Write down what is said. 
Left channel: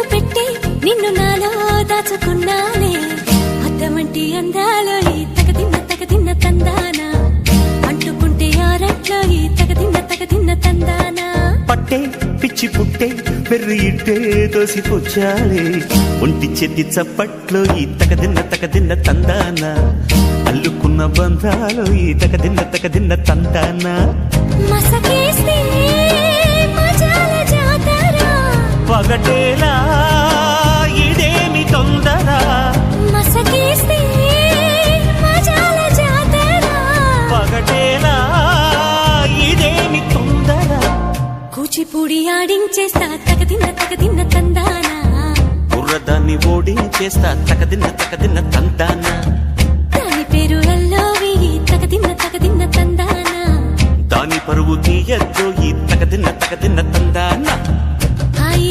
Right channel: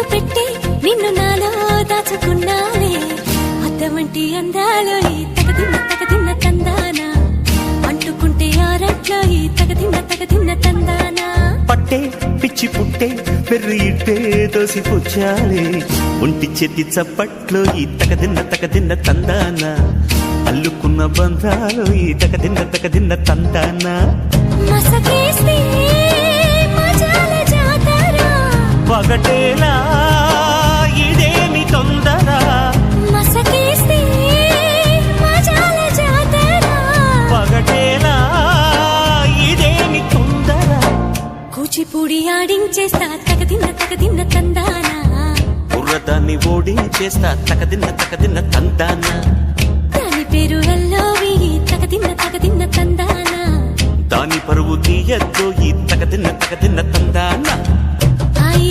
కన్ను పెట్టి నిన్ను నాలో దాచుకున్నాలే అద్దమంటి అందాలో ఈ తగదిన్న తందానా అంటుకుంటే ఆరట్లో ఈ తగదిన్న తందానా పట్టే పిచ్చి పుట్టే పెర్రి ఇట్టే దోసిపుచ్చాలే ఒంటి చేతి చప్పట్లో ఈ తగదిన్న తందానా అల్లుకున్న బంధాలు ఈ తగదిన్న తందానా మసకేస్తే మజాల జాతర పగటేలా ఇదేమి తొందర మసకేస్తే మజాల జాతర పగటేలా ఇదేమి తొందర కూచిపూడి ఆడించేస్తా తగదిన్న తందానా బుర్రదాన్ని ఓడించేస్తా తగదిన్న తందానా దాని పేరు ఎల్లోవి తగదిన్న తందానా దాని పరువు తీయద్దు ఈ తగదిన్న తందానా హాయి